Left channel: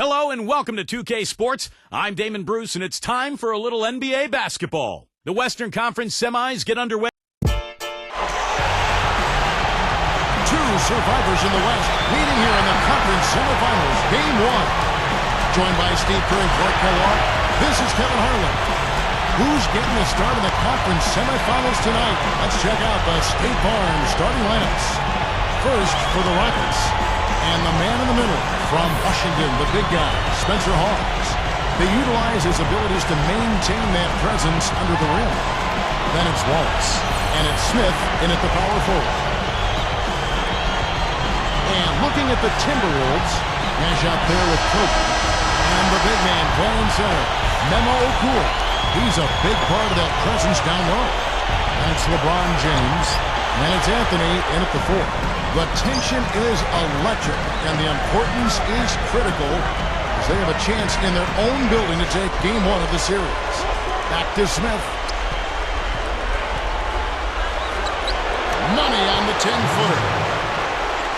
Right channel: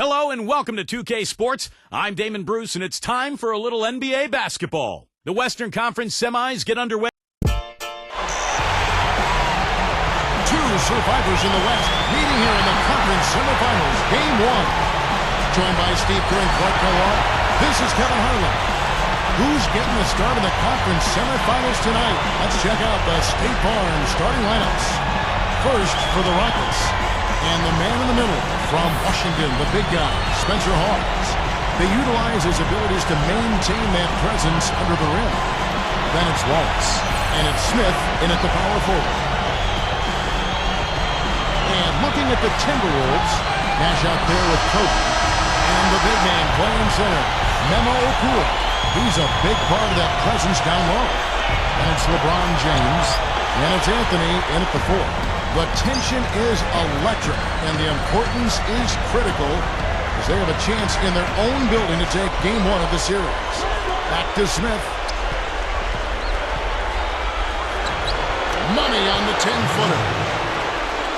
Hello and welcome to 2K Sports. I'm Damon Bruce and it's time for a little NBA basketball. The Western Conference semis get underway. Two survivors in the West meeting here in the conference semifinals, Game 1. Joined by Steve Kerr and Clark Kellogg, this is Kevin Harlan. Who's getting the start of the conference semifinals tonight? Let's check out the State Farm starting lineups. First for the Rockets. And the man in the middle from Washington, the big guy, Spencer Hawes. They utilize his abilities to maintain that presence under the rim. Then it's Wallace. And it's Smith in at the power forward. And looking at the Timberwolves, Nash out there with Kobe. And the big man playing center, Memo Okur. He's a big part of that presence down low. And it's LeBron James. And it's Anthony in at the 4. The tension is electric, and the importance is critical as they have a chance in their own building to take Game 1 of the series. Back to Smith. Money on the 10-footer.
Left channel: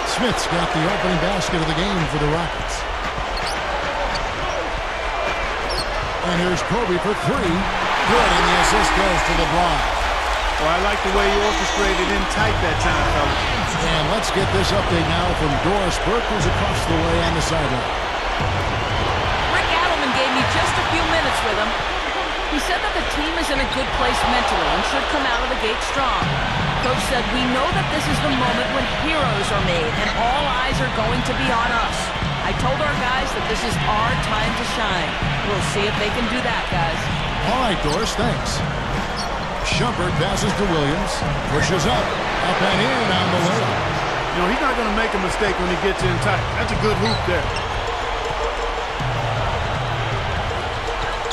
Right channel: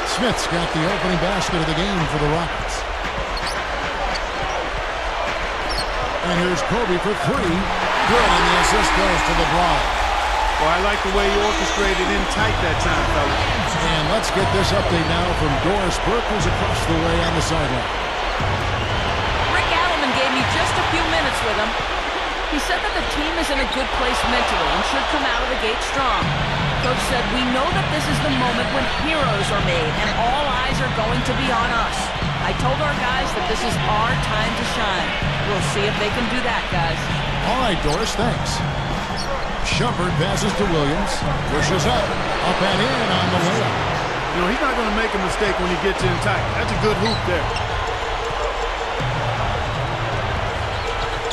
Smith's got the opening basket of the game for the Rockets. And here's Kobe for 3. Good, and the assist goes to LeBron. Well, I like the way he orchestrated in tight that time, fellas. And let's get this update now from Doris Burke, who's across the way on the sideline. Rick Adelman gave me just a few minutes with him. He said that the team is in a good place mentally and should come out of the gate strong. Coach said, we know that this is the moment when heroes are made and all eyes are going to be on us. I told our guys that this is our time to shine. We'll see if they can do that, guys. All right, Doris, thanks. Shumpert passes to Williams, pushes up and in on the layup. You know, he's not going to make a mistake when he gets in tight. That's a good hoop there.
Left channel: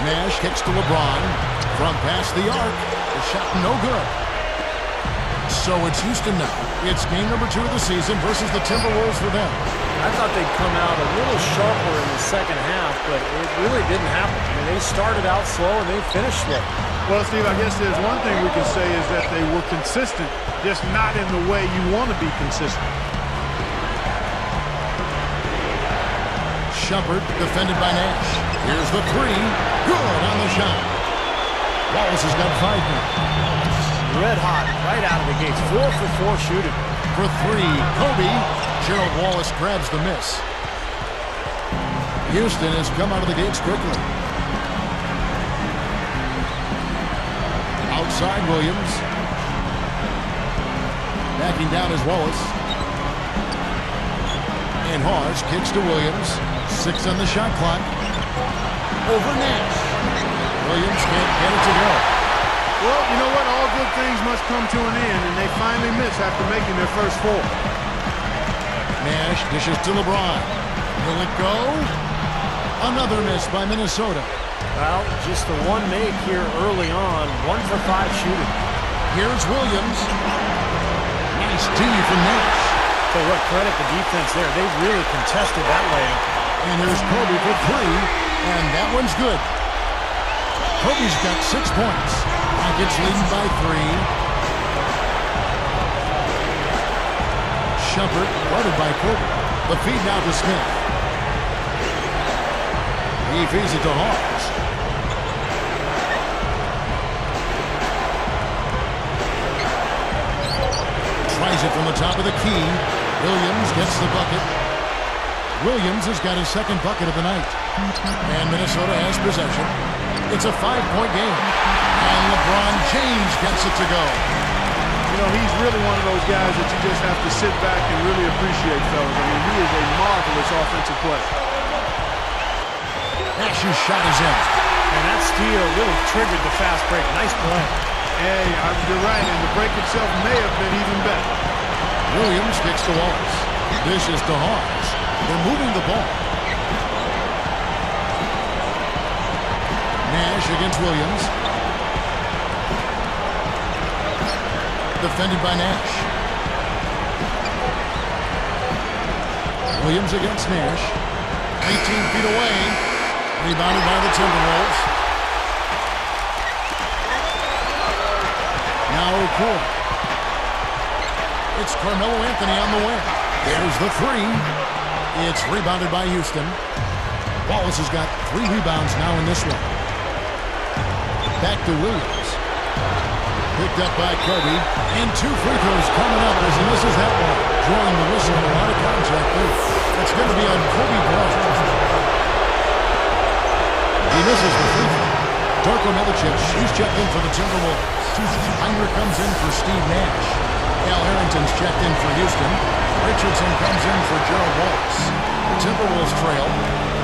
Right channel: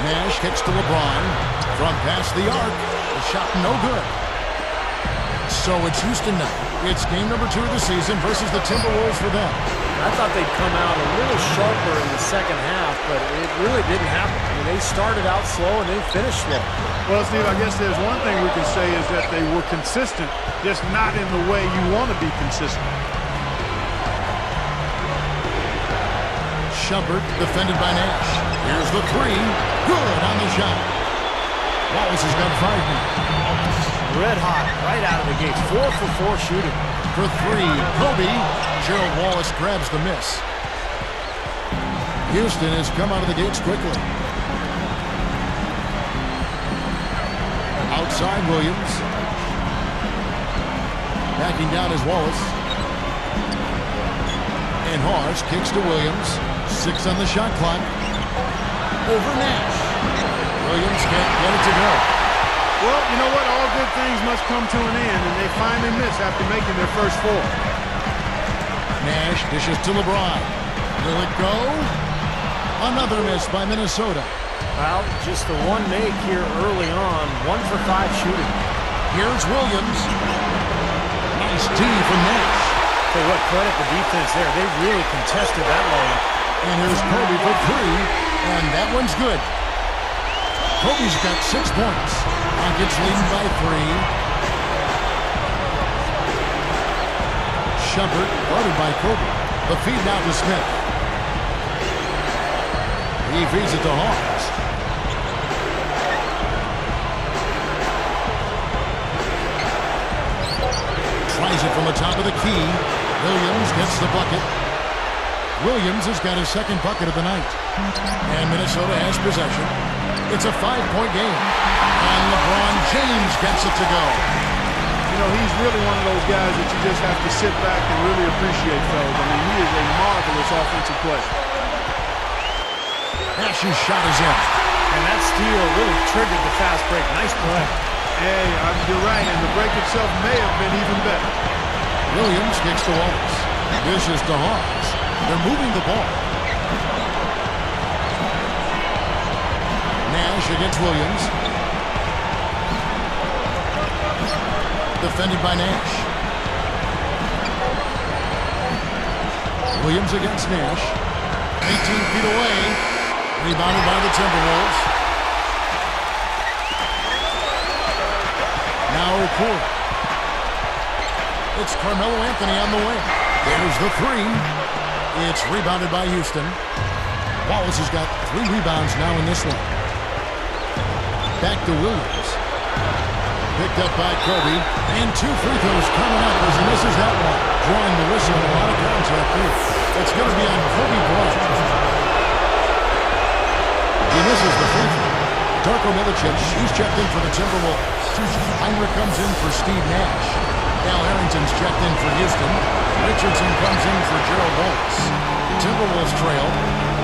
Nash kicks to LeBron from past the arc. The shot no good. So it's Houston now. It's game number 2 of the season versus the Timberwolves for them. I thought they'd come out a little sharper in the second half, but it really didn't happen. I mean, they started out slow and they finished slow. Well, Steve, I guess there's one thing we can say is that they were consistent, just not in the way you want to be consistent. Shumpert defended by Nash. Here's the 3. Good on the shot. Wallace has got 5 now. Red hot right out of the gates. 4 for 4 shooting. For 3, Kobe. Gerald Wallace grabs the miss. Houston has come out of the gates quickly. Outside Williams. Backing down is Wallace. And Hawes kicks to Williams. 6 on the shot clock. Over Nash. Williams can't get it to go. Well, you know what? All good things must come to an end, and they finally miss after making their first 4. Nash dishes to LeBron. Will it go? Another miss by Minnesota. Well, just the one make here early on. 1 for 5 shooting. Here's Williams. Nice D from Nash. Tell you what, credit the defense there. They really contested that layup. And here's Kobe for 3, and that one's good. Kobe's got 6 points. Rockets leading by 3. Shumpert guarded by Kobe. The feed now to Smith. He feeds it to Hawes. Tries it from the top of the key. Williams gets the bucket. Williams has got his second bucket of the night. And Minnesota has possession. It's a 5-point game. And LeBron James gets it to go. You know, he's really one of those guys that you just have to sit back and really appreciate, fellas. I mean, he is a marvelous offensive player. Nash's shot is in. And that steal really triggered the fast break. Nice play. Hey, you're right, and the break itself may have been even better. Williams kicks to Wallace. Dishes to Hawes. They're moving the ball. Nash against Williams. Defended by Nash. Williams against Nash. 18 feet away. Rebounded by the Timberwolves. Now Okur. It's Carmelo Anthony on the wing. There's the 3. It's rebounded by Houston. Wallace has got 3 rebounds now in this one. Back to Williams. Picked up by Kobe. And 2 free throws coming up as he misses that one. Drawing the whistle and a lot of contact there. That's going to be on Kobe Bryant. He misses the free throw. Darko Milicic, he's checked in for the Timberwolves. Heinrich comes in for Steve Nash. Al Harrington's checked in for Houston. Richardson comes in for Gerald Wallace. The Timberwolves trail.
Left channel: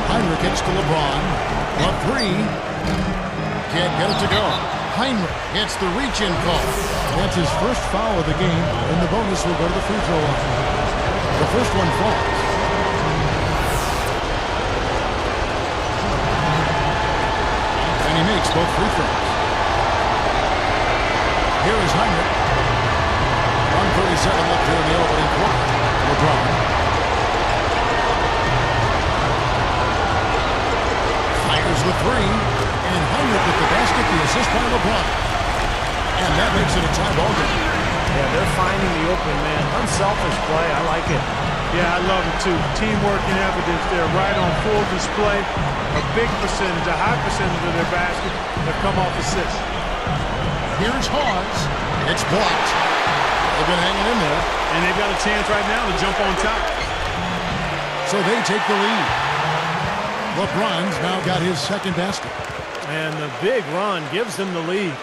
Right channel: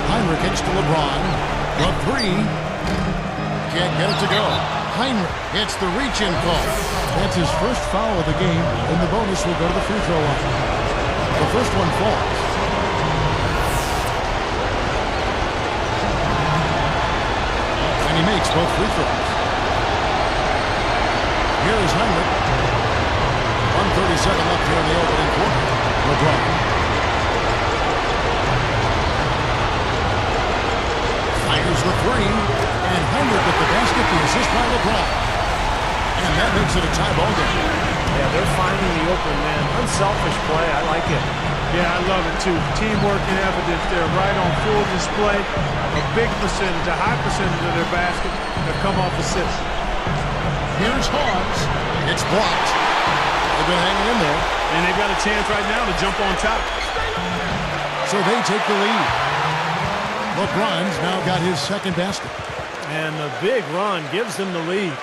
Heinrich hits to LeBron. The 3. Can't get it to go. Heinrich hits the reach-in call. That's his first foul of the game, and the bonus will go to the free throw line. The first one falls. And he makes both free throws. Here is Heinrich. 1:37 left here in the opening quarter. LeBron. Fires the 3. And Heinrich with the basket, the assist by LeBron. And that makes it a tie ball game. Yeah, they're finding the open man. Unselfish play. I like it. Yeah, I love it too. Teamwork in evidence there, right on full display. A big percentage, a high percentage of their baskets have come off assists. Here's Hawes. It's blocked. They've been hanging in there. And they've got a chance right now to jump on top. So they take the lead. LeBron's now got his second basket. And the big run gives them the lead.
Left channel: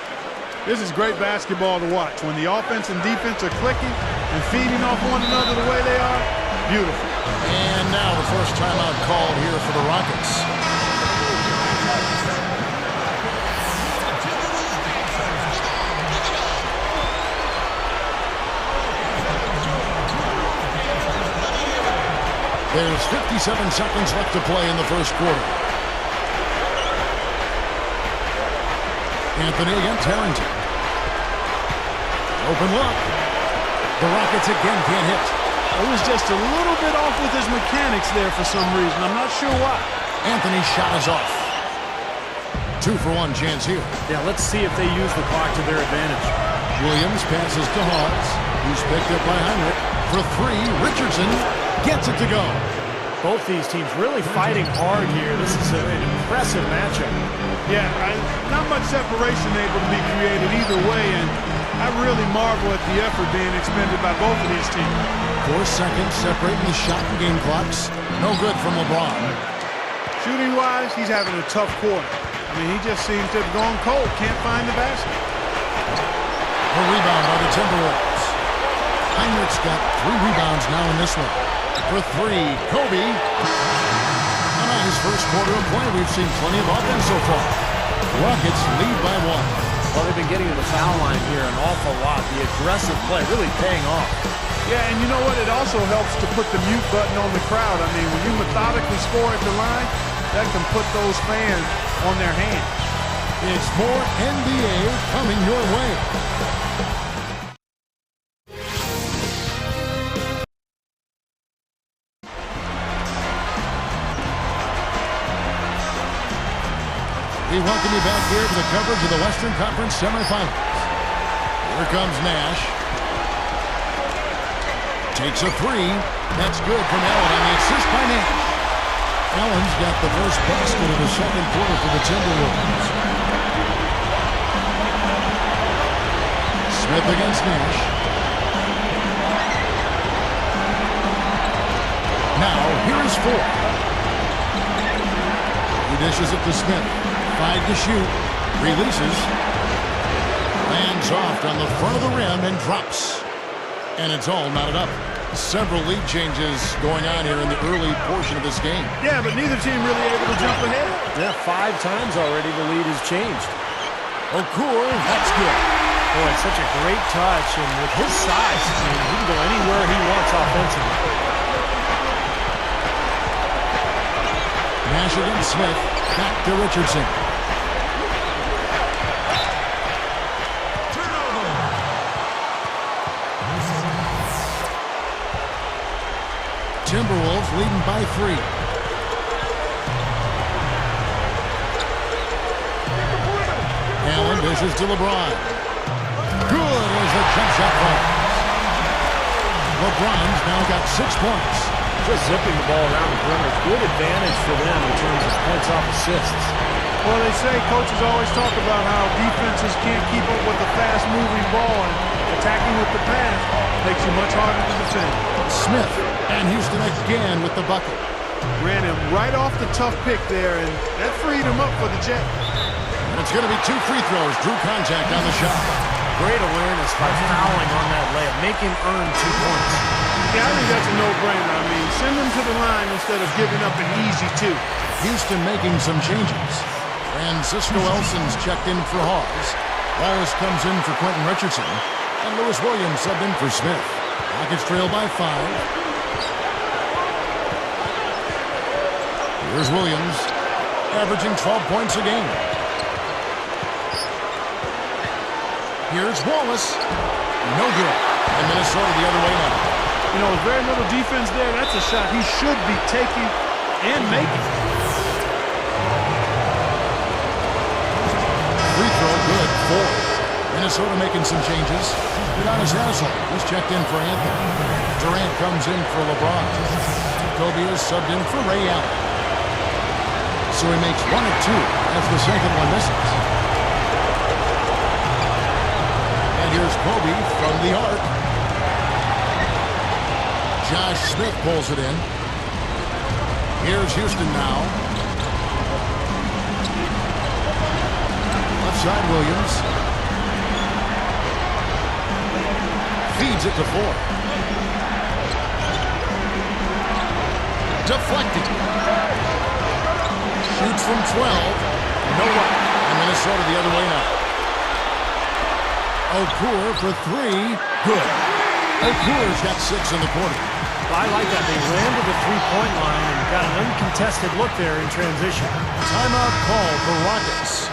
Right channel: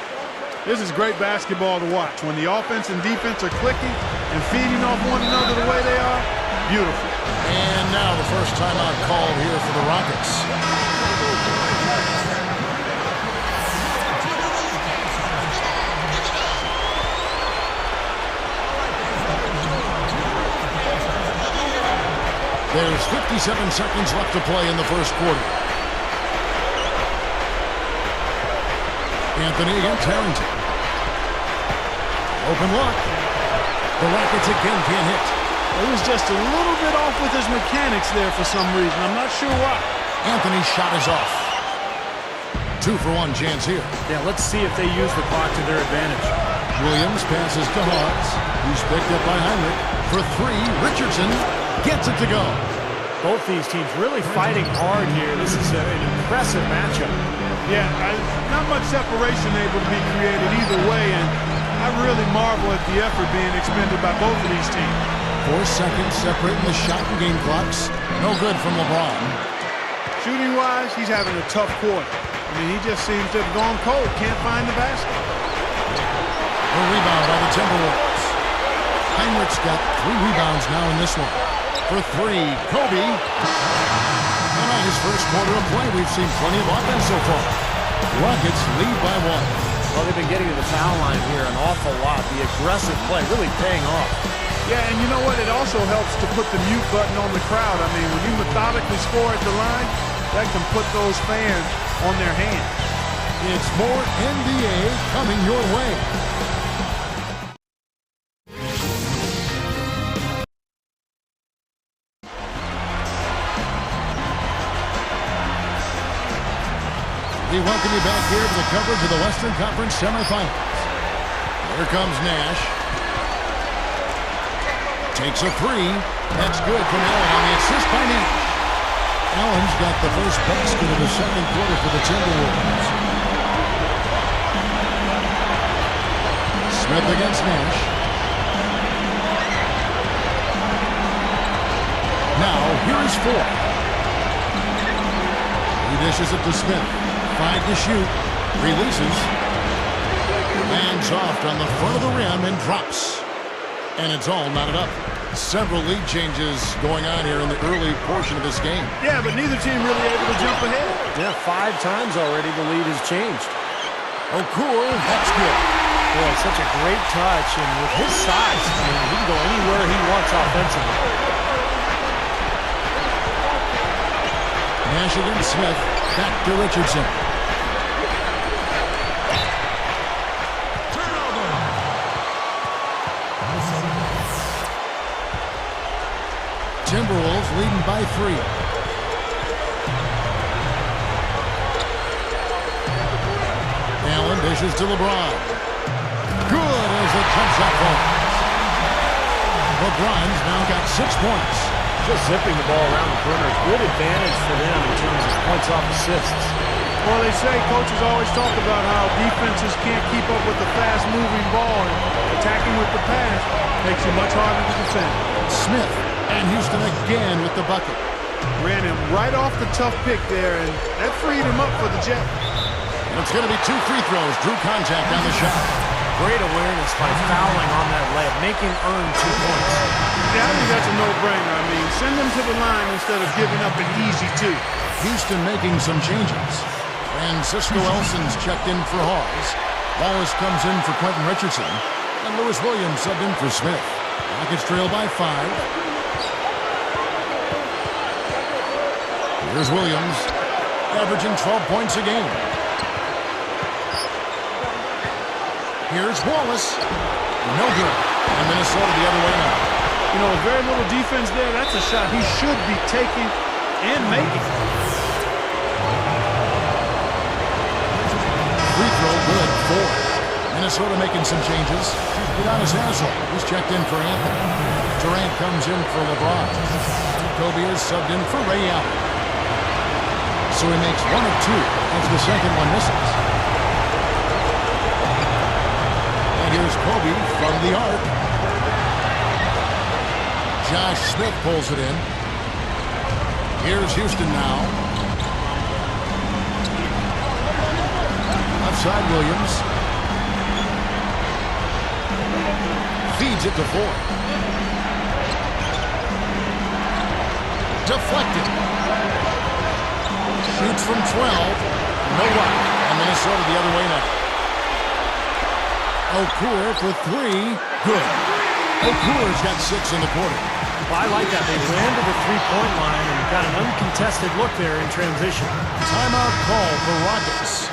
This is great basketball to watch. When the offense and defense are clicking and feeding off one another the way they are, beautiful. And now the first timeout called here for the Rockets. There's 57 seconds left to play in the first quarter. Anthony against Harrington. Open look. The Rockets again can't hit. It was just a little bit off with his mechanics there for some reason. I'm not sure why. Anthony's shot is off. 2-for-1 chance here. Yeah, let's see if they use the clock to their advantage. Williams passes to Hawes, who's picked up by Heinrich. For 3, Richardson gets it to go. Both these teams really fighting hard here. This is an impressive matchup. Yeah, not much separation able to be created either way, and I really marvel at the effort being expended by both of these teams. 4 seconds separating the shot and game clocks. No good from LeBron. Shooting-wise, he's having a tough quarter. I mean, he just seems to have gone cold. Can't find the basket. A rebound by the Timberwolves. Heinrich's got 3 rebounds now in this one. For 3, Kobe. And on his first quarter of play, we've seen plenty of offense so far. Rockets lead by 1. Well, they've been getting to the foul line here an awful lot. The aggressive play really paying off. Yeah, and you know what? It also helps to put the mute button on the crowd. I mean, when you methodically score at the line, that can put those fans on their hands. It's more NBA coming your way. We welcome you back here to the coverage of the Western Conference semifinals. Here comes Nash. Takes a 3. That's good from Allen on the assist by Nash. Allen's got the first basket of the second quarter for the Timberwolves. Smith against Nash. Now, here is 4. He dishes it to Smith. 5 to shoot. Releases. Lands off on the front of the rim and drops. And it's all knotted up. Several lead changes going on here in the early portion of this game. Yeah, but neither team really able to jump ahead. Yeah, 5 times already the lead has changed. Okur, that's good. Boy, such a great touch, and with his size, I mean, he can go anywhere he wants offensively. Nash against Smith. Back to Richardson. Timberwolves leading by 3. Allen dishes to LeBron. Good as the jump shot falls. LeBron's now got 6 points. just zipping the ball around the perimeter. Good advantage for them in terms of points off assists. Well, they say coaches always talk about how defenses can't keep up with the fast-moving ball, and attacking with the pass makes you much harder to defend. Smith and Houston again with the bucket. Ran him right off the tough pick there, and that freed him up for the Jet. And it's going to be 2 free throws. Drew contact on the shot. Great awareness by fouling on that layup. Make him earn 2 points. Yeah, I think that's a no-brainer. I mean, send them to the line instead of giving up an easy 2. Houston making some changes. Francisco Elson's checked in for Hawes. Wallace comes in for Quentin Richardson. And Lewis Williams subbed in for Smith. Rockets trail by 5. Here's Williams, averaging 12 points a game. Here's Wallace. No good. And Minnesota the other way now. You know, with very little defense there, that's a shot he should be taking and making. Free throw good, 4. Minnesota making some changes. Udonis Haslem, he's checked in for Anthony. Durant comes in for LeBron. Kobe is subbed in for Ray Allen. So he makes 1 of 2 as the second one misses. And here's Kobe from the arc. Josh Smith pulls it in. Here's Houston now. Left side Williams. Feeds it to 4. Deflected. Shoots from 12. No luck. And Minnesota the other way now. Okur for 3. Good. Okur's got 6 in the quarter. Well, I like that. They ran to the three-point line and got an uncontested look there in transition. Timeout called for Rockets.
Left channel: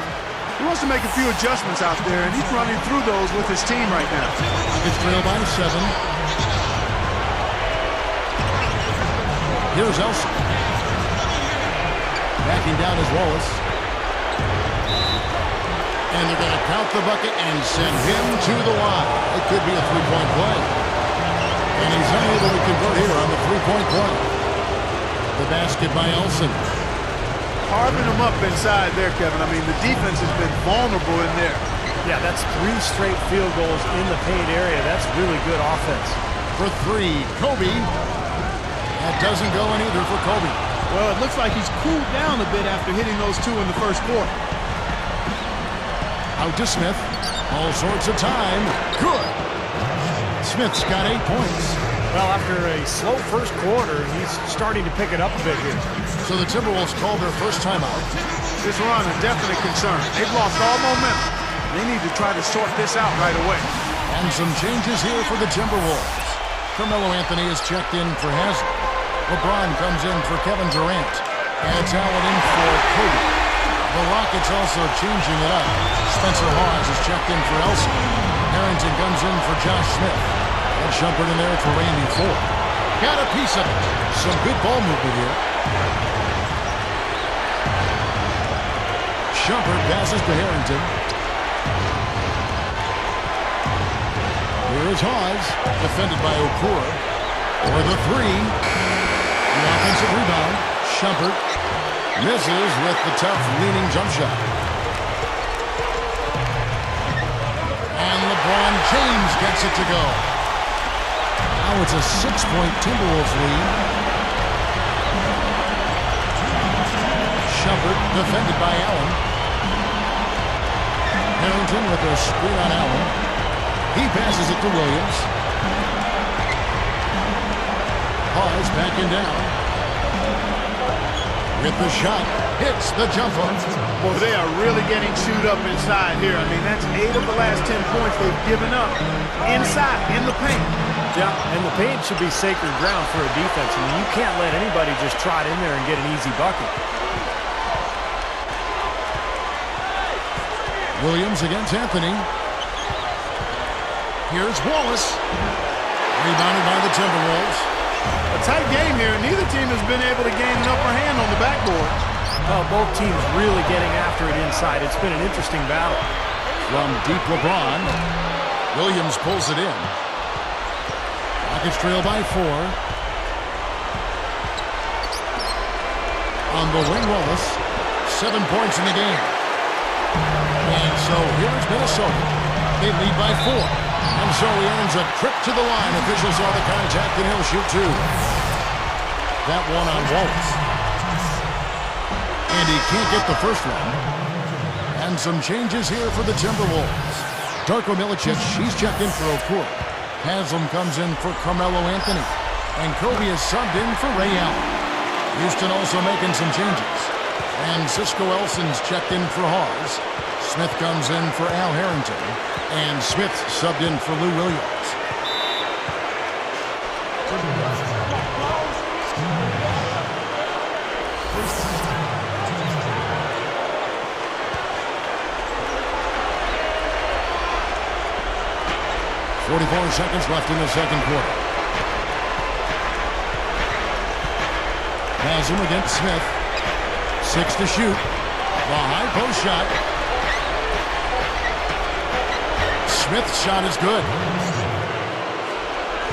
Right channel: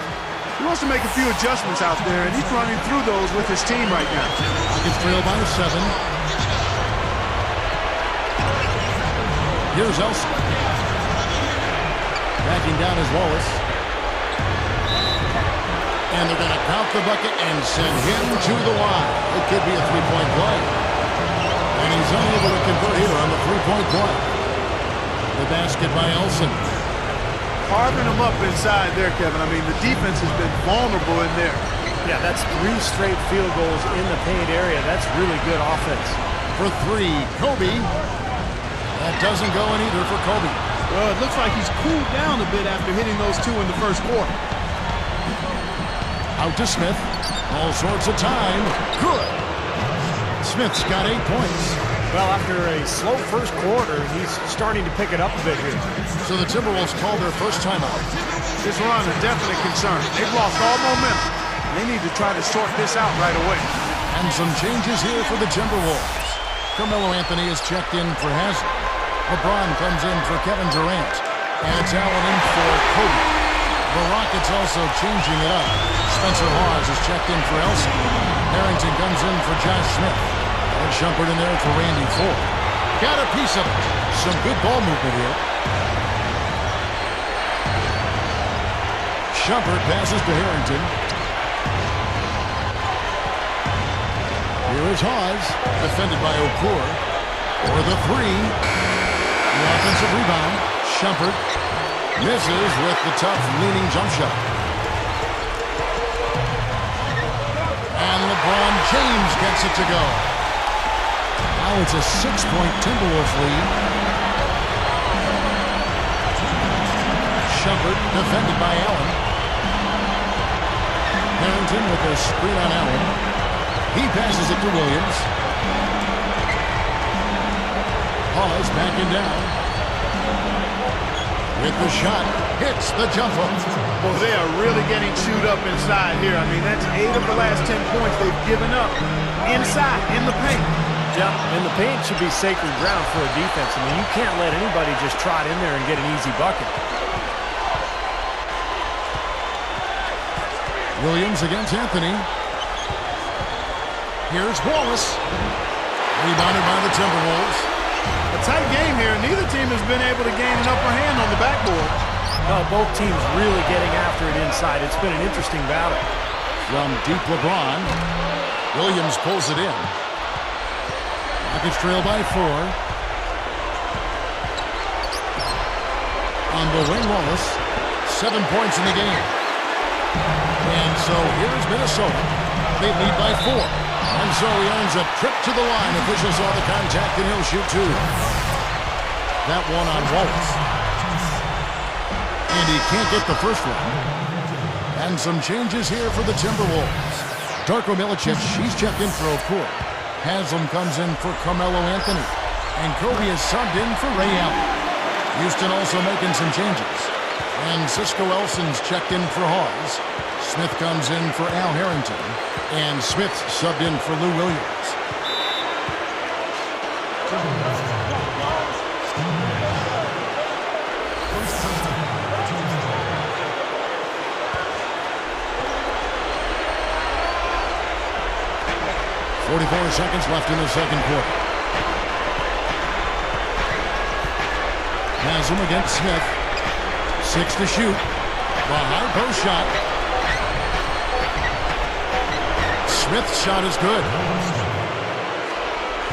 He wants to make a few adjustments out there, and he's running through those with his team right now. Rockets trail by 7. Here's Elson. Backing down is Wallace. And they're going to count the bucket and send him to the line. It could be a three-point play. And he's unable to convert here on the three-point play. The basket by Elson. Carving them up inside there, Kevin. I mean, the defense has been vulnerable in there. Yeah, that's 3 straight field goals in the paint area. That's really good offense. For 3, Kobe. That doesn't go in either for Kobe. Well, it looks like he's cooled down a bit after hitting those 2 in the first quarter. Out to Smith. All sorts of time. Good. Smith's got 8 points. Well, after a slow first quarter, he's starting to pick it up a bit here. So the Timberwolves called their first timeout. This run a definite concern. They've lost all momentum. They need to try to sort this out right away. And some changes here for the Timberwolves. Carmelo Anthony is checked in for Haslem. LeBron comes in for Kevin Durant. And it's Allen in for Kobe. The Rockets also changing it up. Spencer Hawes is checked in for Elson. Harrington comes in for Josh Smith. And Shumpert in there for Randy Ford. Got a piece of it. Some good ball movement here. Shumpert passes to Harrington. Here is Hawes, defended by Okur. For the 3. The offensive rebound. Shumpert misses with the tough leaning jump shot. And LeBron James gets it to go. Now it's a 6-point Timberwolves lead. Shumpert defended by Allen. Harrington with a screen on Allen. He passes it to Williams. Hawes backing down. With the shot, hits the jumper. Well, they are really getting chewed up inside here. I mean, that's 8 of the last 10 points they've given up inside, in the paint. Yeah, and the paint should be sacred ground for a defense. I mean, you can't let anybody just trot in there and get an easy bucket. Williams against Anthony. Here's Wallace. Rebounded by the Timberwolves. A tight game here, and neither team has been able to gain an upper hand on the backboard. Well, both teams really getting after it inside. It's been an interesting battle. From deep LeBron, Williams pulls it in. Rockets trail by 4. On the wing, Wallace. 7 points in the game. And so here is Minnesota. They lead by 4. And so he earns a trip to the line. Officials saw the contact, and he'll shoot 2. That one on Wallace. And he can't get the first one. And some changes here for the Timberwolves. Darko Milicic, he's checked in for Okur. Haslam comes in for Carmelo Anthony. And Kobe is subbed in for Ray Allen. Houston also making some changes. And Cisco Elson's checked in for Hawes. Smith comes in for Al Harrington. And Smith subbed in for Lou Williams. .44 seconds left in the second quarter. Haslam against Smith. 6 to shoot. The high post shot. Smith's shot is good.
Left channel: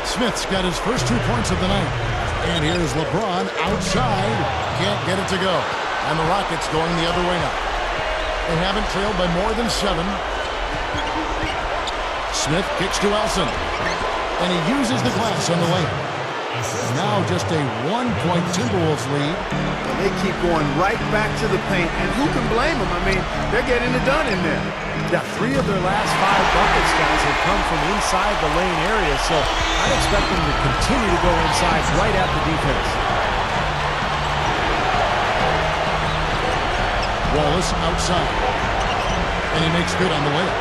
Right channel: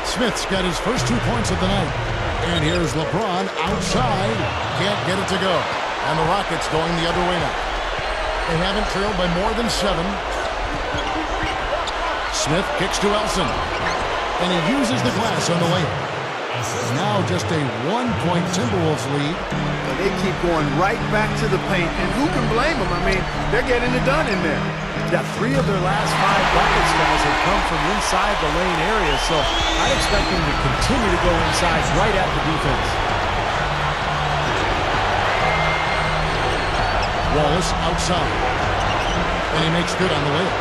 Smith's got his first 2 points of the night. And here's LeBron outside. Can't get it to go. And the Rockets going the other way now. They haven't trailed by more than 7. Smith kicks to Elson. And he uses the glass on the layup. Now just a 1-point Timberwolves lead. Well, they keep going right back to the paint, and who can blame them? I mean, they're getting it done in there. Yeah, 3 of their last 5 buckets, guys, have come from inside the lane area, so I'd expect them to continue to go inside right at the defense. Wallace outside. And he makes good on the layup.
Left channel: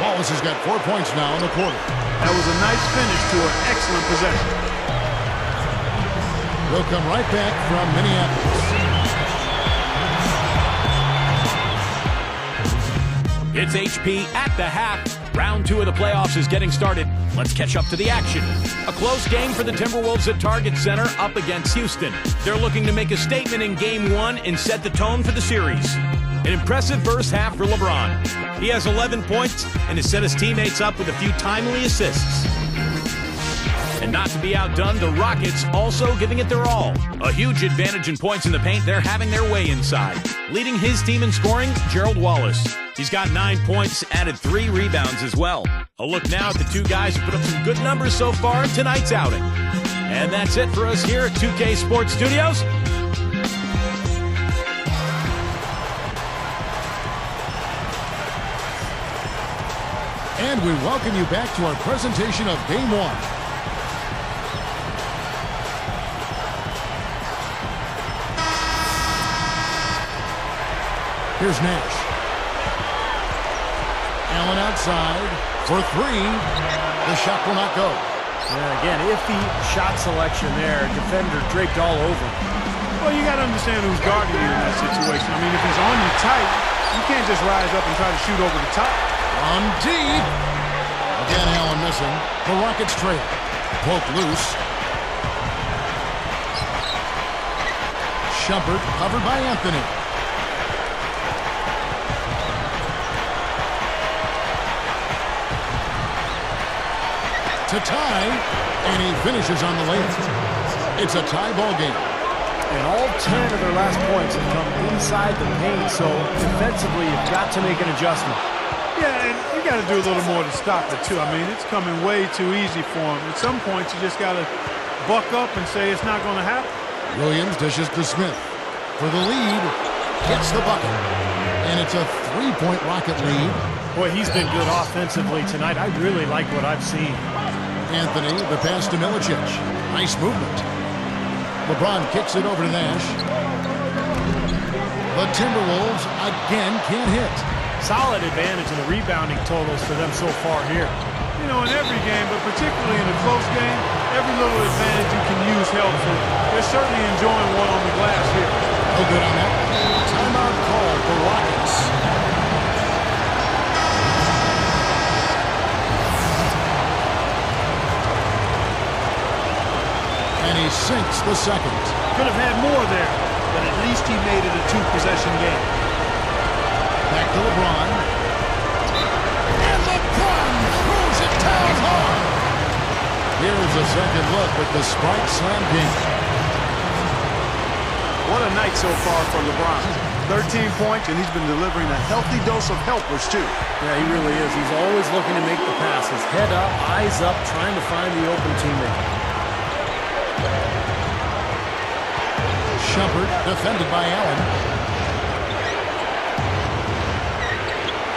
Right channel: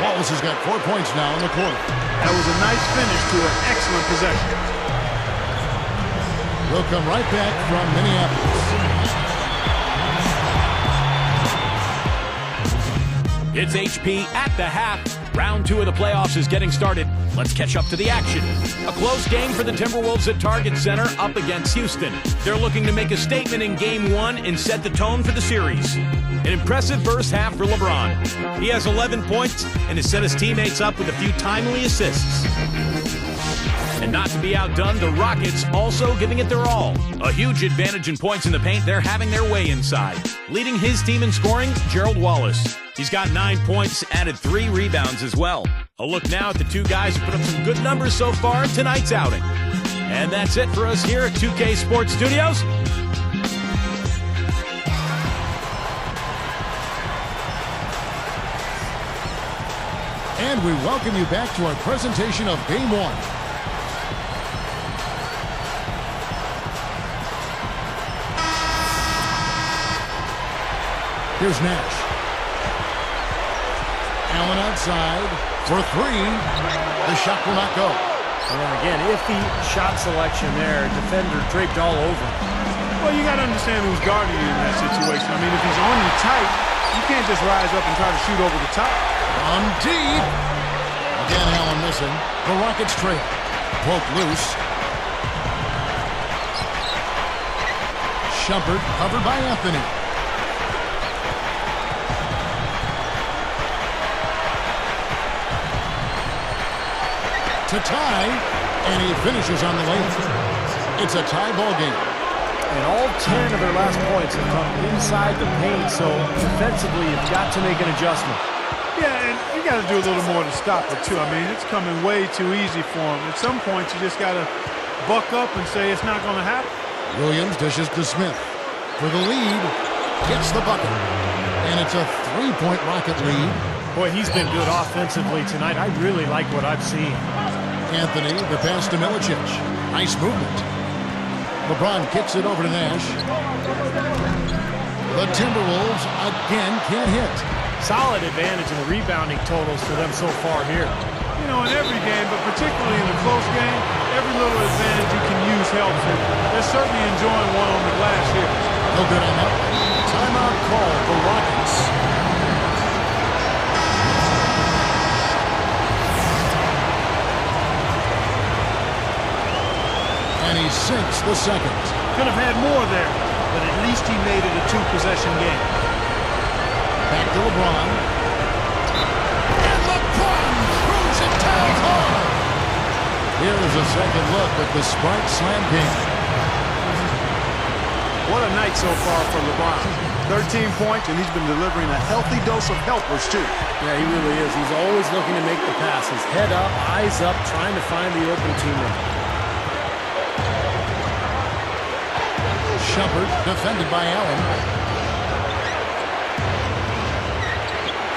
Wallace has got 4 points now in the quarter. That was a nice finish to an excellent possession. We'll come right back from Minneapolis. It's HP at the half. Round 2 of the playoffs is getting started. Let's catch up to the action. A close game for the Timberwolves at Target Center up against Houston. They're looking to make a statement in Game 1 and set the tone for the series. An impressive first half for LeBron. He has 11 points and has set his teammates up with a few timely assists. And not to be outdone, the Rockets also giving it their all. A huge advantage in points in the paint. They're having their way inside. Leading his team in scoring, Gerald Wallace. He's got 9 points, added 3 rebounds as well. A look now at the 2 guys who put up some good numbers so far in tonight's outing. And that's it for us here at 2K Sports Studios. And we welcome you back to our presentation of Game 1. Here's Nash. Allen outside for 3. The shot will not go. Yeah, again, iffy shot selection there. Defender draped all over him. Well, you got to understand who's guarding you in that situation. I mean, if he's on you tight, you can't just rise up and try to shoot over the top. From deep. Again, Allen missing. The Rockets trail. Poke loose. Shumpert covered by Anthony. To tie, and he finishes on the layup. It's a tie ball game. And all 10 of their last points have come inside the paint, so defensively you've got to make an adjustment. Yeah, and you got to do a little more to stop it, too. I mean, it's coming way too easy for him. At some points, you just got to buck up and say it's not going to happen. Williams dishes to Smith. For the lead, gets the bucket. And it's a 3-point Rocket lead. Boy, he's been good offensively tonight. I really like what I've seen. Anthony, the pass to Milicic. Nice movement. LeBron kicks it over to Nash. The Timberwolves again can't hit. Solid advantage in the rebounding totals for them so far here. You know, in every game, but particularly in a close game, every little advantage you can use helps, and they're certainly enjoying one on the glass here. No good on that one. Timeout call for Rockets. And he sinks the second. Could have had more there, but at least he made it a 2-possession game. Back to LeBron. And LeBron throws it down hard. Here's a second look with the Sprite Slam King. What a night so far for LeBron. 13 points, and he's been delivering a healthy dose of helpers, too. Yeah, he really is. He's always looking to make the passes. Head up, eyes up, trying to find the open teammate. Shumpert defended by Allen.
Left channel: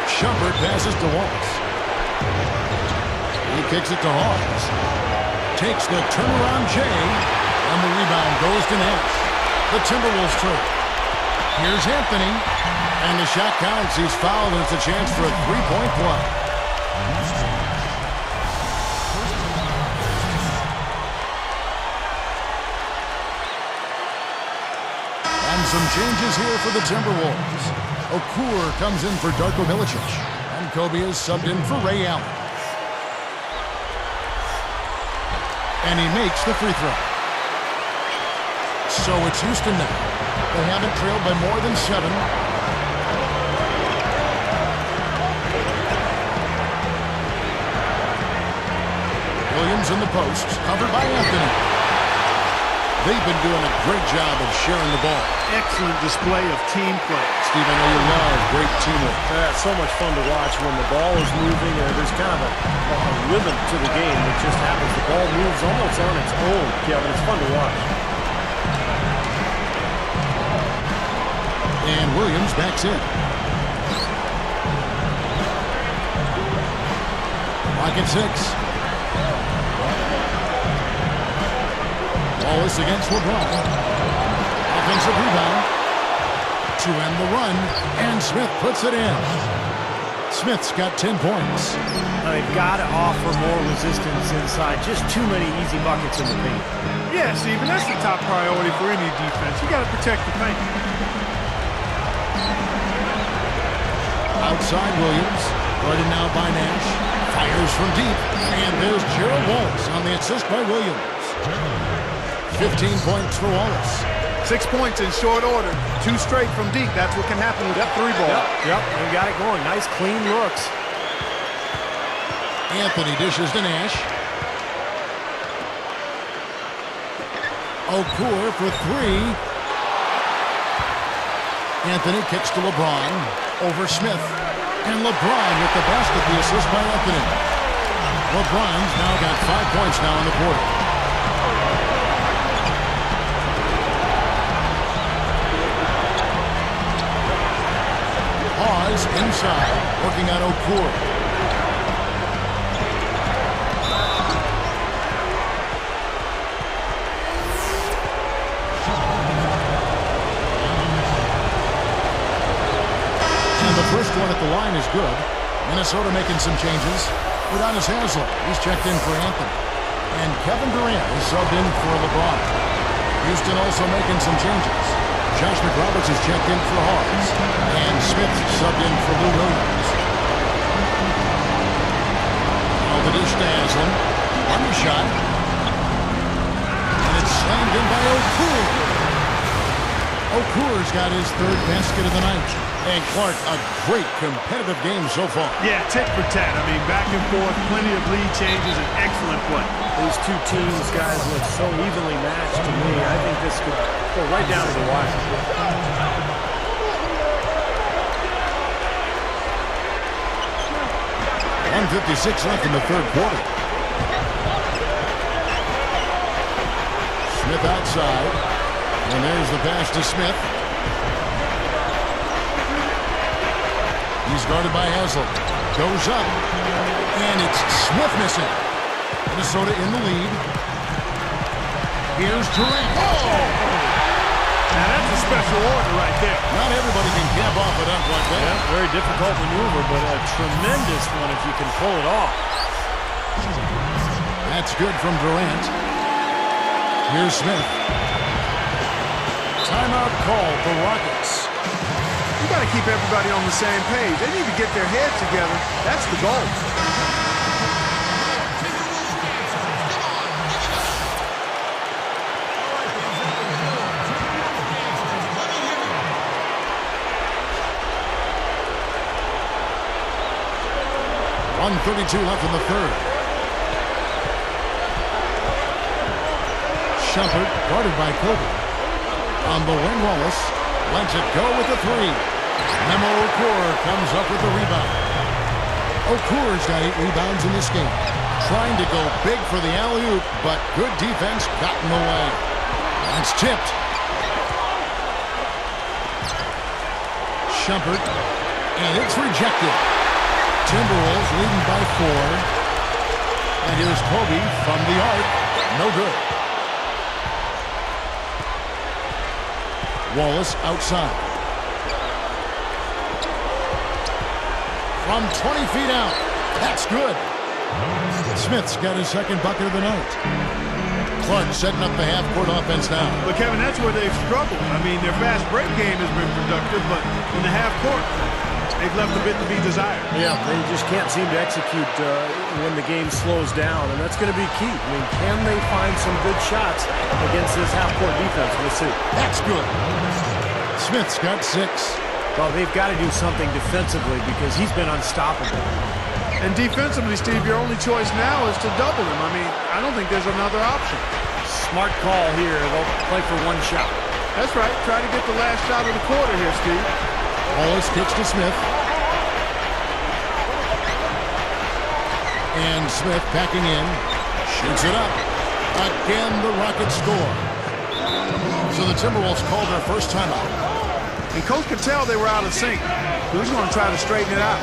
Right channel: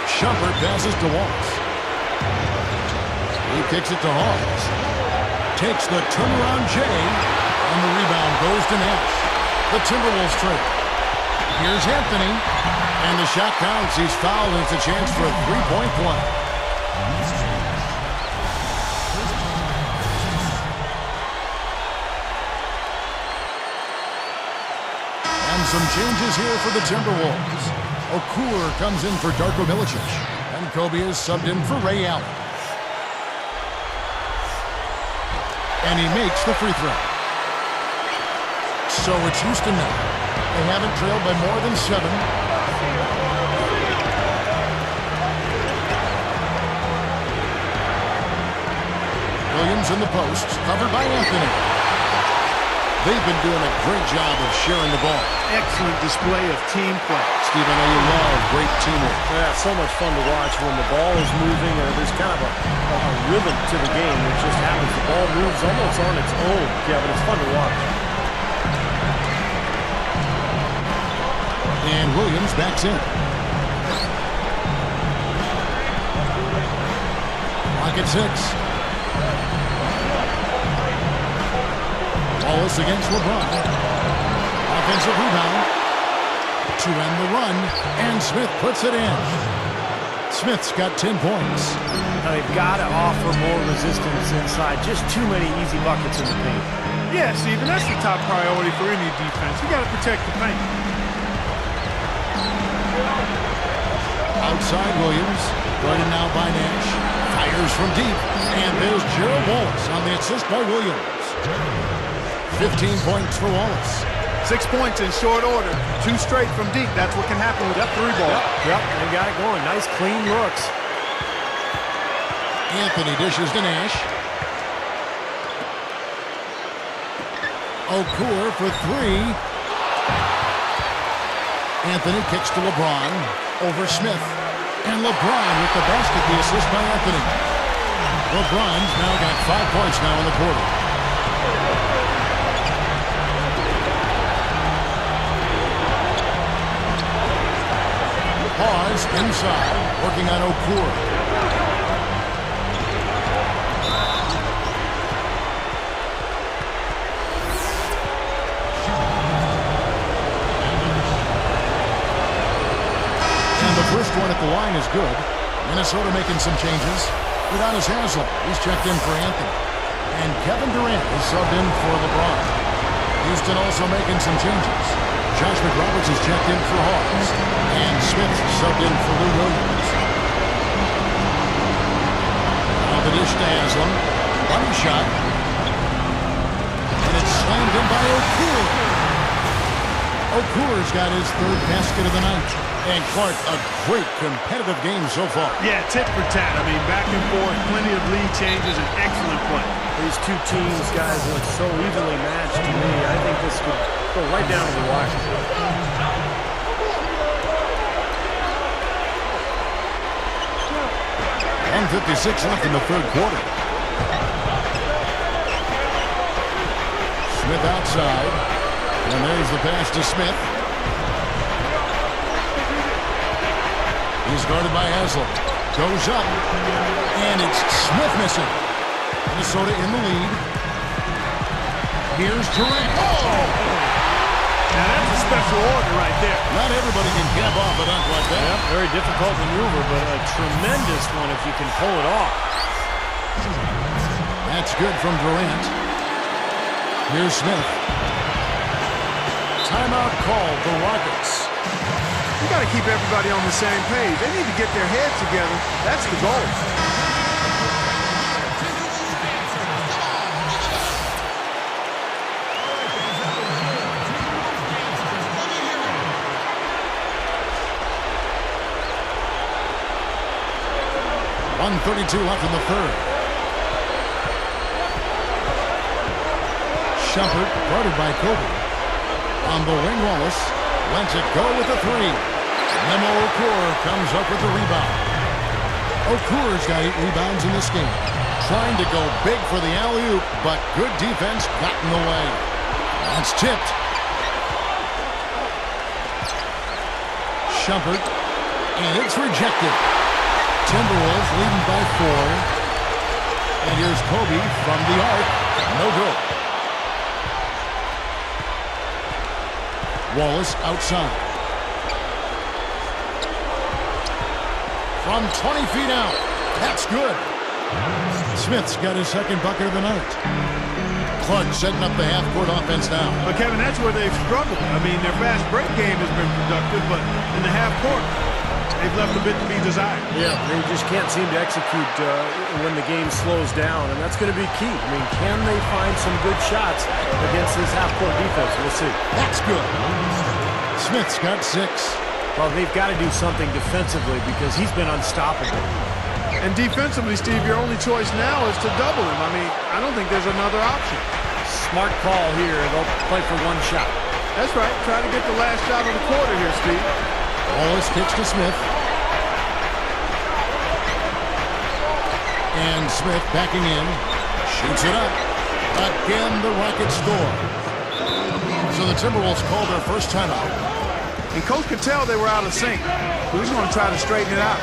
Shumpert passes to Wallace. He kicks it to Hawes. Takes the turnaround J, and the rebound goes to Nash. The Timberwolves trail. Here's Anthony, and the shot counts. He's fouled, and it's a chance for a three-point play. And some changes here for the Timberwolves. Okur comes in for Darko Milicic, and Kobe is subbed in for Ray Allen. And he makes the free throw. So it's Houston now. They haven't trailed by more than 7. Williams in the post, covered by Anthony. They've been doing a great job of sharing the ball. Excellent display of team play. Steve, I know you love great teamwork. Yeah, it's so much fun to watch when the ball is moving. There's kind of a rhythm to the game that just happens. The ball moves almost on its own, Kevin. It's fun to watch. And Williams backs in. Clock at 6. Wallace against LeBron. Offensive rebound. To end the run. And Smith puts it in. Smith's got 10 points. Now they've got to offer more resistance inside. Just too many easy buckets in the paint. Yeah, Steve, and that's the top priority for any defense. You got to protect the paint. Outside Williams. Guarded now by Nash. Fires from deep. And there's Gerald Wallace on the assist by Williams. 15 points for Wallace. 6 points in short order. 2 straight from deep. That's what can happen with the 3-ball. Yep, they've got it going. Nice, clean looks. Anthony dishes to Nash. Okur for 3. Anthony kicks to LeBron. Over Smith. And LeBron with the basket, the assist by Anthony. LeBron's now got 5 points now in the quarter. Hawes inside, working on Okur. And the first one at the line is good. Minnesota making some changes. Udonis Haslem, he's checked in for Anthony. And Kevin Durant is subbed in for LeBron. Houston also making some changes. Josh McRoberts is checked in for Hawes. And Smith subbed in for Lou Williams. Now the dish to Haslem. Money shot. And it's slammed in by Okur. Okur's got his 3rd basket of the night. And Clark, a great competitive game so far. Yeah, tit for tat. I mean, back and forth, plenty of lead changes, and excellent play. These two teams, guys, look so evenly matched to me. I think this could go right down to the wire. 1:56 left in the 3rd quarter. Smith outside. And there's the pass to Smith. He's guarded by Haslem. Goes up. And it's Smith missing. Minnesota in the lead. Here's Durant. Oh! Now that's a special order right there. Not everybody can cap off a dunk like that. Yep, very difficult maneuver, but a tremendous one if you can pull it off. That's good from Durant. Here's Smith. Timeout called the Rockets. You got to keep everybody on the same page. They need to get their heads together. That's the goal. .132 left in the 3rd. Shumpert guarded by Kobe. On the wing, Wallace lets it go with a three. Memo Okur comes up with the rebound. Okur's got 8 rebounds in this game. Trying to go big for the alley-oop, but good defense got in the way. That's tipped. Shumpert, and it's rejected. Timberwolves leading by 4. And here's Kobe from the arc. No good. Wallace outside. From 20 feet out. That's good. Smith's got his second bucket of the night. Clark setting up the half-court offense now. But, Kevin, that's where they've struggled. I mean, their fast break game has been productive, but in the half-court, they've left a bit to be desired. Yeah, they just can't seem to execute when the game slows down, and that's going to be key. I mean, can they find some good shots against this half-court defense? We'll see. That's good. Smith's got 6. Well, they've got to do something defensively because he's been unstoppable. And defensively, Steve, your only choice now is to double him. I mean, I don't think there's another option. Smart call here. They'll play for one shot. That's right. Try to get the last shot of the quarter here, Steve. Wallace kicks to Smith. And Smith backing in. Shoots it up. Again, the Rockets score. So the Timberwolves called their first timeout. And Coach could tell they were out of sync. So he's going to try to straighten it out.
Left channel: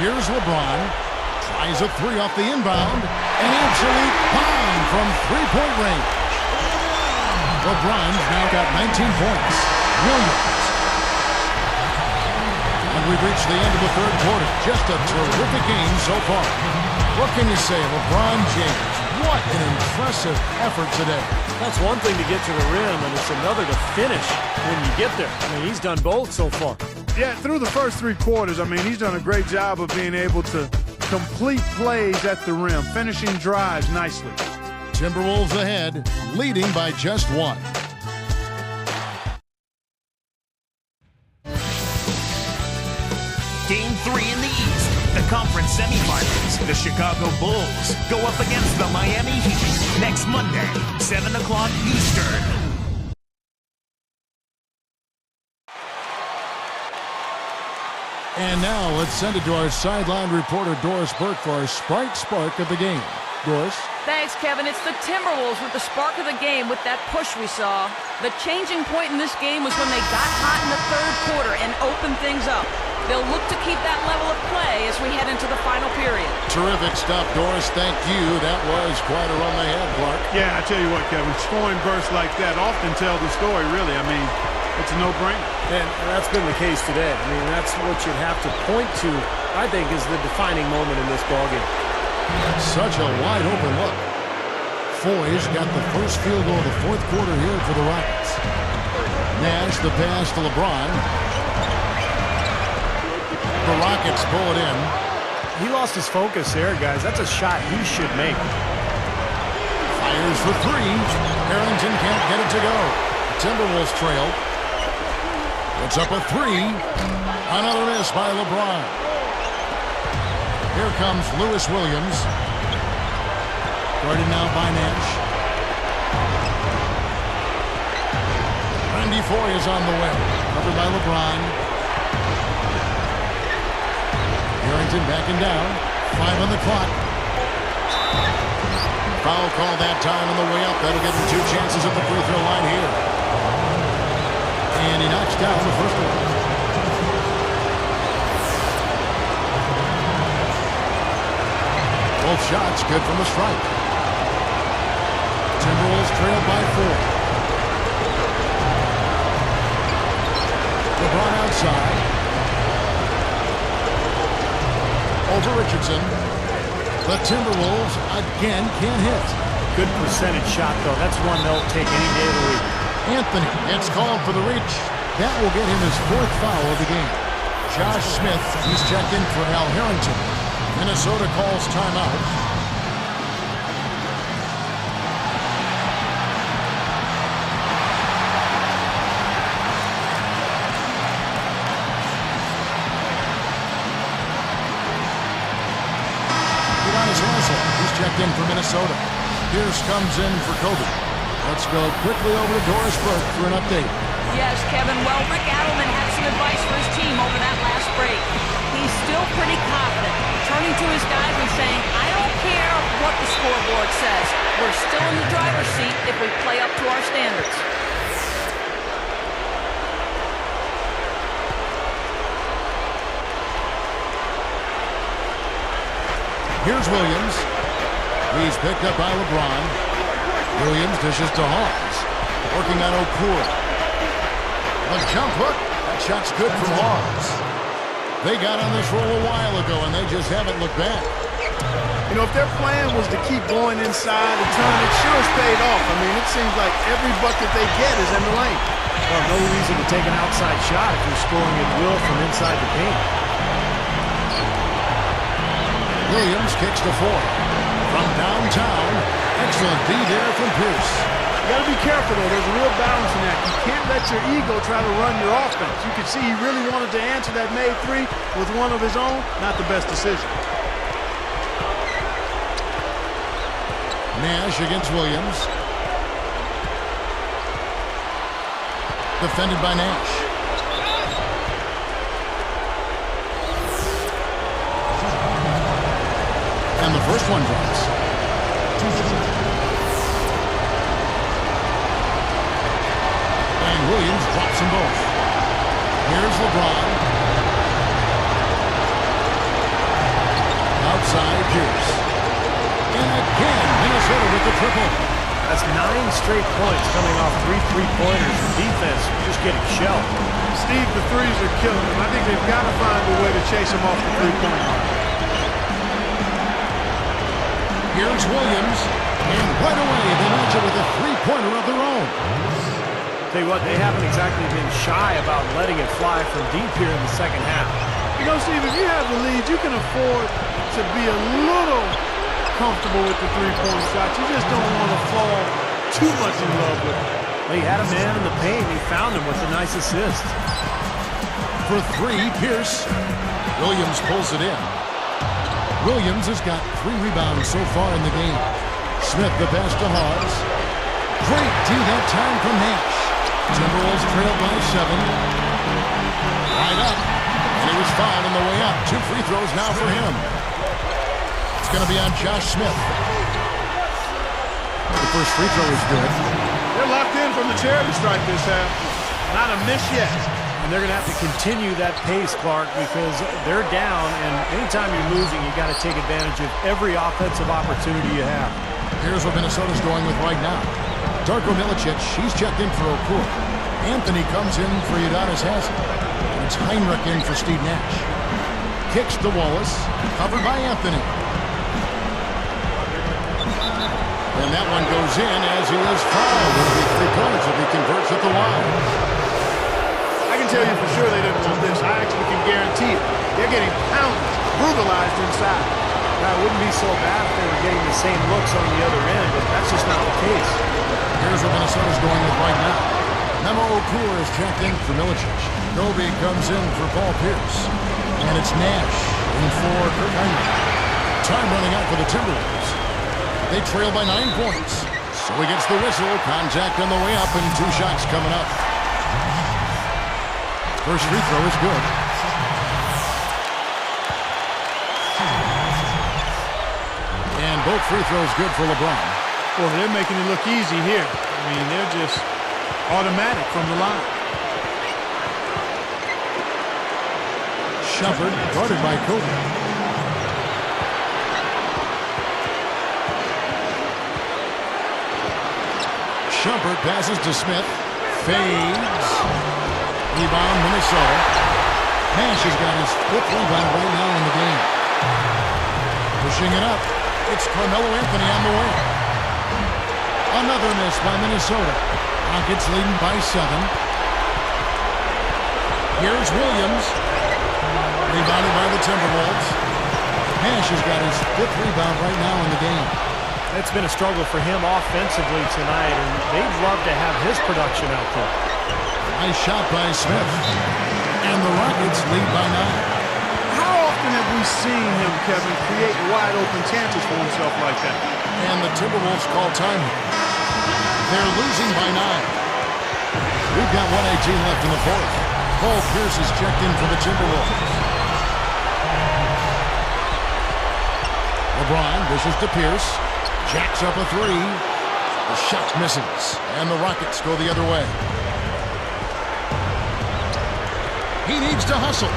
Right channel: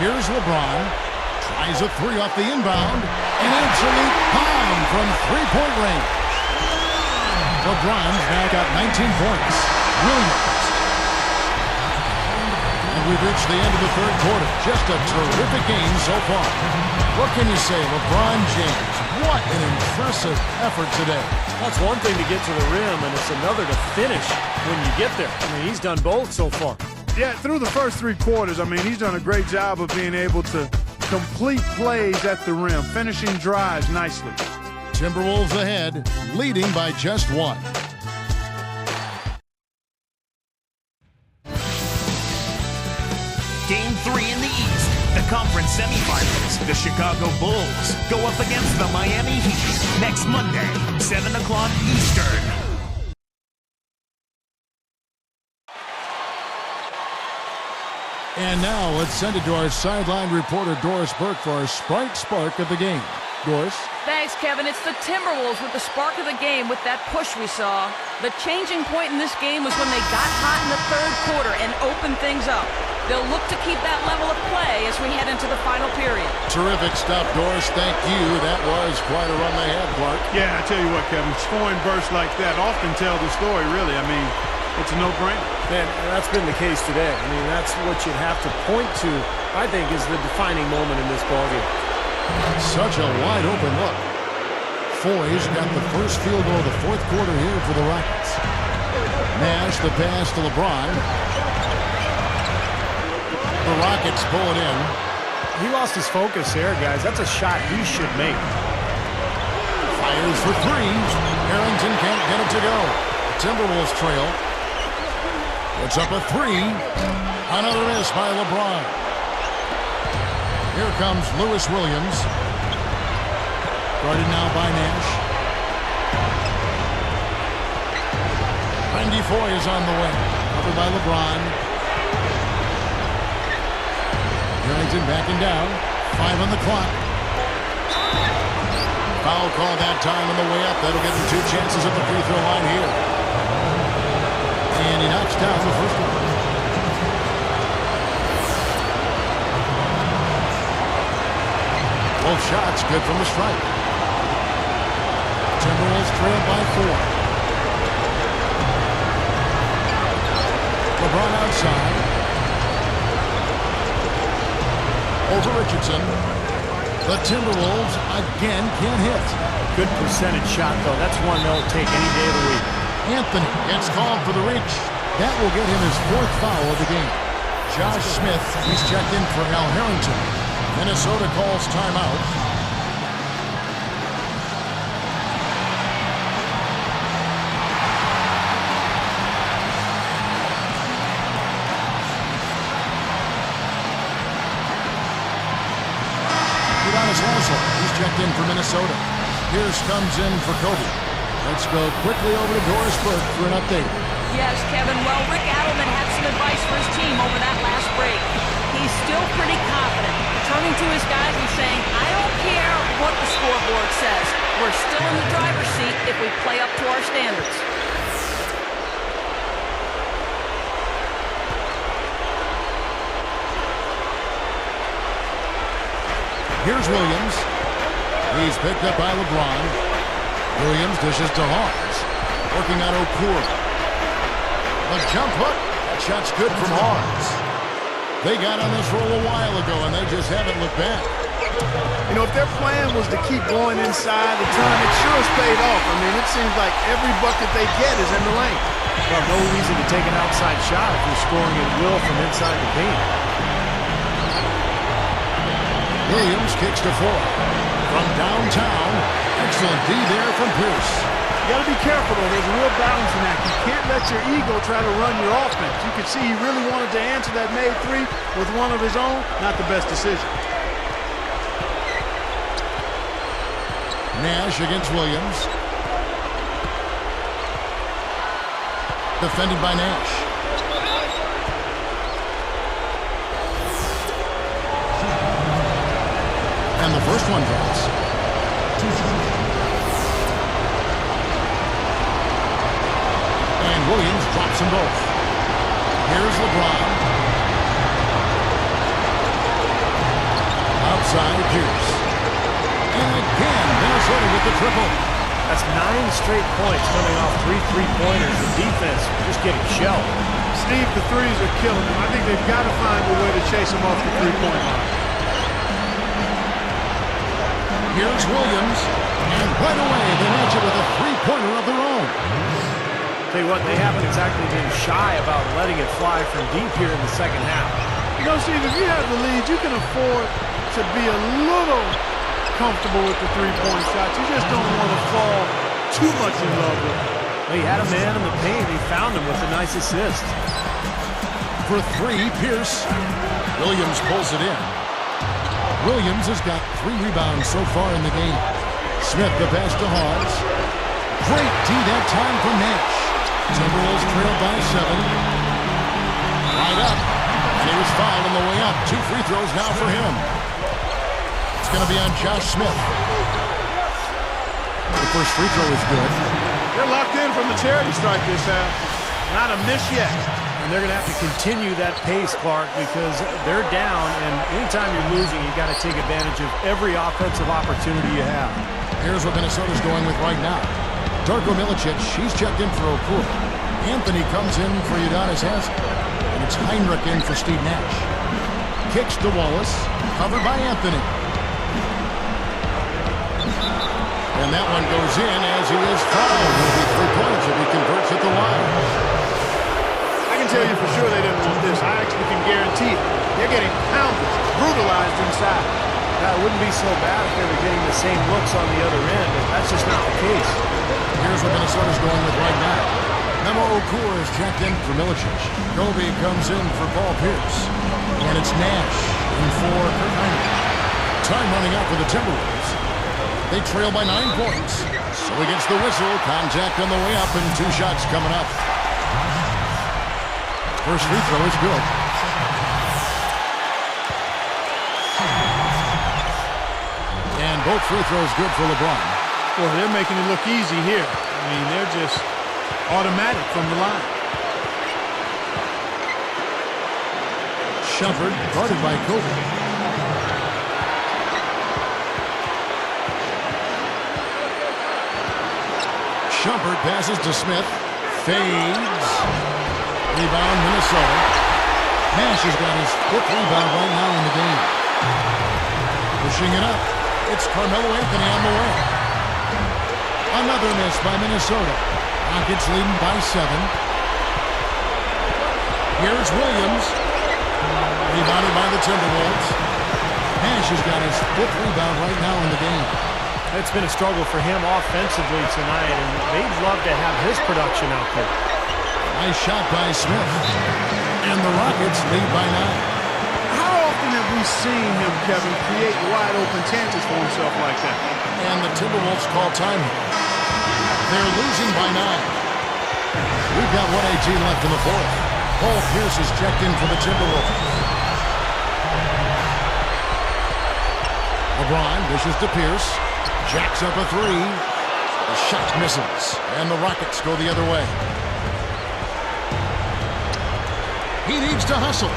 Here's LeBron. Tries a 3 off the inbound. An absolute bomb from three-point range. LeBron's now got 19 points. Williams. And we've reached the end of the third quarter. Just a terrific game so far. What can you say, LeBron James? What an impressive effort today. That's one thing to get to the rim, and it's another to finish when you get there. I mean, he's done both so far. Yeah, through the first 3 quarters, I mean, he's done a great job of being able to complete plays at the rim, finishing drives nicely. Timberwolves ahead, leading by just 1. Game 3 in the East, the conference semifinals. The Chicago Bulls go up against the Miami Heat next Monday, 7 o'clock Eastern. And now let's send it to our sideline reporter Doris Burke for our Sprite Spark of the game. Doris? Thanks, Kevin. It's the Timberwolves with the spark of the game with that push we saw. The changing point in this game was when they got hot in the third quarter and opened things up. They'll look to keep that level of play as we head into the final period. Terrific stuff, Doris. Thank you. That was quite a run they had, Clark. Yeah, I tell you what, Kevin, scoring bursts like that often tell the story, really. I mean, it's a no-brainer. And that's been the case today. I mean, that's what you'd have to point to, I think, is the defining moment in this ballgame. Such a wide-open look. Foy's got the first field goal of the fourth quarter here for the Rockets. Nash, the pass to LeBron. The Rockets pull it in. He lost his focus there, guys. That's a shot he should make. Fires for 3. Harrington can't get it to go. The Timberwolves trail. Puts up a 3. Another miss by LeBron. Here comes Lewis Williams. Guarded now by Nash. Randy Foye is on the way. Covered by LeBron. Harrington backing down. 5 on the clock. Foul call that time on the way up. That'll give him 2 chances at the free throw line here. And he knocks down the first one. Both shots good from the stripe. Timberwolves trailed by 4. LeBron outside. Over Richardson. The Timberwolves again can't hit. Good percentage shot, though. That's one they'll take any day of the week. Anthony gets called for the reach. That will get him his 4th foul of the game. Josh Smith, he's checked in for Al Harrington. Minnesota calls timeout. whistle. He's checked in for Minnesota. Pierce comes in for Kobe. Let's go quickly over to Doris Burke for an update. Yes, Kevin. Well, Rick Adelman had some advice for his team over that last break. He's still pretty confident, turning to his guys and saying, I don't care what the scoreboard says. We're still in the driver's seat if we play up to our standards. Here's Williams. He's picked up by LeBron. Williams dishes to Hawes. Working on Okura. A jump hook. That shot's good from Hawes. They got on this roll a while ago, and they just haven't looked back. You know, if their plan was to keep going inside a ton, it sure has paid off. I mean, it seems like every bucket they get is in the lane. Well, no reason to take an outside shot if you're scoring at will from inside the paint. Williams kicks to 4. From downtown, excellent D there from Pierce. You got to be careful, though. There's a real balancing act. You can't let your ego try to run your offense. You could see he really wanted to answer that made three with one of his own. Not the best decision. Nash against Williams. Defended by Nash. And the first one drops. And Williams drops them both. Here's LeBron. Outside Pierce. And again, Minnesota with the triple. That's 9 straight points coming off 3 3-pointers. The defense just getting shelled. Steve, the threes are killing them. I think they've got to find a way to chase them off the three-point line. Here's Williams. And right away, they match it with a three-pointer of their own. Tell you what, they haven't exactly been shy about letting it fly from deep here in the second half. You know, Steve, if you have the lead, you can afford to be a little comfortable with the three-point shot. You just don't want to fall too much in love with it. Well, he had a man in the paint. He found him with a nice assist. For 3, Pierce. Williams pulls it in. Williams has got 3 rebounds so far in the game. Smith the pass to Hawes. Great D that time from Nash. Timberwolves trailed by 7. Right up. And he was fouled on the way up. 2 free throws now for him. It's going to be on Josh Smith. The first free throw is good. They're locked in from the charity stripe this half. Not a miss yet. And they're going to have to continue that pace, Clark, because they're down, and anytime you're losing, you got to take advantage of every offensive opportunity you have. Here's what Minnesota's going with right now. Darko Milicic, he's checked in for Okura. Anthony comes in for Udonis Haslem. And it's Heinrich in for Steve Nash. Kicks to Wallace, covered by Anthony. And that one goes in as he is fouled. It'll be 3 points if he converts at the line. I can tell you for sure they didn't want this. I actually can guarantee it. They're getting pounded, brutalized inside. Now, it wouldn't be so bad if they were getting the same looks on the other end, but that's just not the case. Here's what Minnesota's going with right now. Memo Okura is checked in for Milicic. Kobe comes in for Paul Pierce. And it's Nash in for Kirk Heinrich. Time running out for the Timberwolves. They trail by 9 points. So he gets the whistle. Contact on the way up and 2 shots coming up. First free throw is good. And both free throws good for LeBron. Boy, they're making it look easy here. I mean, they're just automatic from the line. Shumpert guarded by Kobe. Shumpert passes to Smith. Fades. Rebound, Minnesota. Nash has got his 5th rebound right now in the game. Pushing it up. It's Carmelo Anthony on the way. Another miss by Minnesota. Rockets leading by 7. Here's Williams. Rebounded by the Timberwolves. Nash has got his 5th rebound right now in the game. It's been a struggle for him offensively tonight, and they'd love to have his production out there. Nice shot by Smith. And the Rockets lead by 9. How often have we seen him, Kevin, create wide open chances for himself like that? And the Timberwolves call time. They're losing by 9. We've got 1:18 left in the fourth. Paul Pierce is checked in for the Timberwolves. LeBron dishes to Pierce. Jacks up a three. The shot misses. And the Rockets go the other way. He needs to hustle.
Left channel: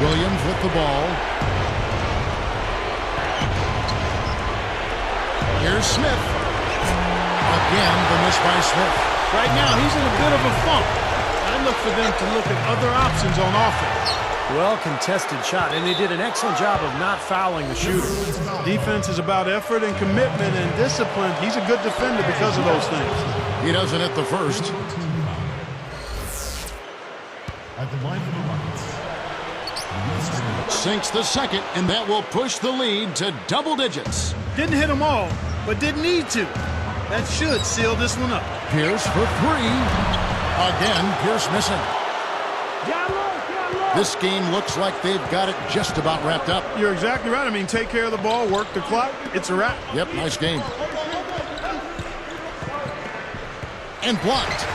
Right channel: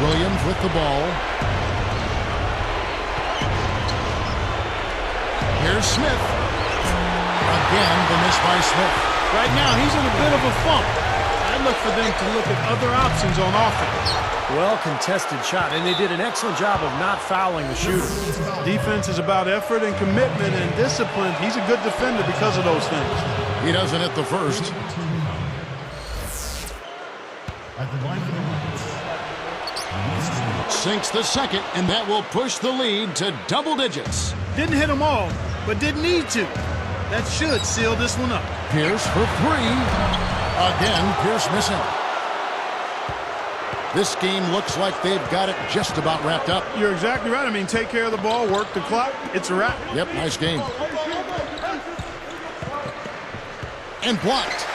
Williams with the ball. Here's Smith. Again, the miss by Smith. Right now, he's in a bit of a funk. I'd look for them to look at other options on offense. Well-contested shot, and they did an excellent job of not fouling the shooter. Defense is about effort and commitment and discipline. He's a good defender because of those things. He doesn't hit the first. At the line for the Rockets. Sinks the second, and that will push the lead to double digits. Didn't hit them all, but didn't need to. That should seal this one up. Pierce for three. Again, Pierce missing. This game looks like they've got it just about wrapped up. You're exactly right. I mean, take care of the ball, work the clock. It's a wrap. Yep, nice game. And blocked.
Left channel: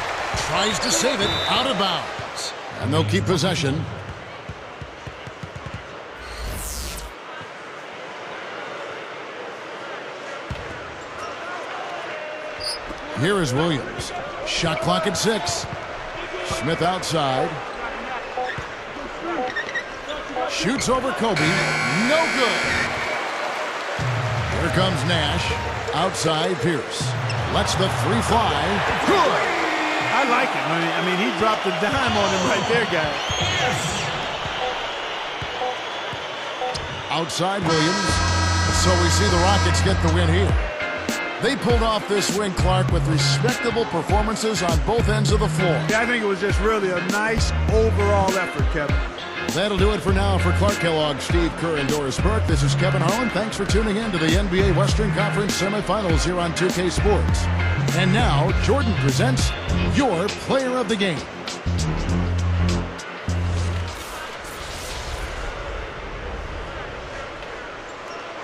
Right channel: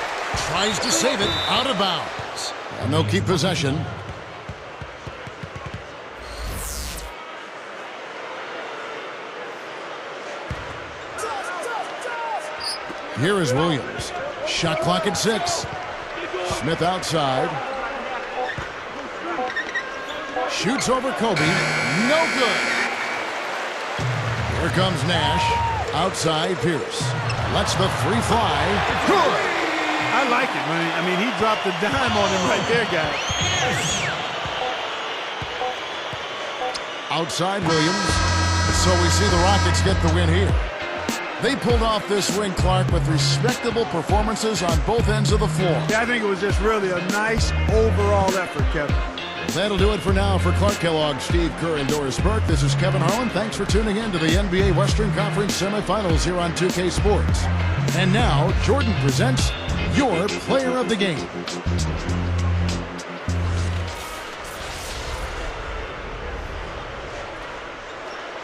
Tries to save it out of bounds. And they'll keep possession. Here is Williams. Shot clock at 6. Smith outside. Shoots over Kobe. No good. Here comes Nash. Outside Pierce. Lets the three fly. Good. I like it. I mean, he dropped a dime on him right there, guys. Outside Williams. So we see the Rockets get the win here. They pulled off this win, Clark, with respectable performances on both ends of the floor. Yeah, I think it was just really a nice overall effort, Kevin. That'll do it for now. For Clark Kellogg, Steve Kerr, and Doris Burke, this is Kevin Harlan. Thanks for tuning in to the NBA Western Conference semifinals here on 2K Sports. And now, Jordan presents your player of the game.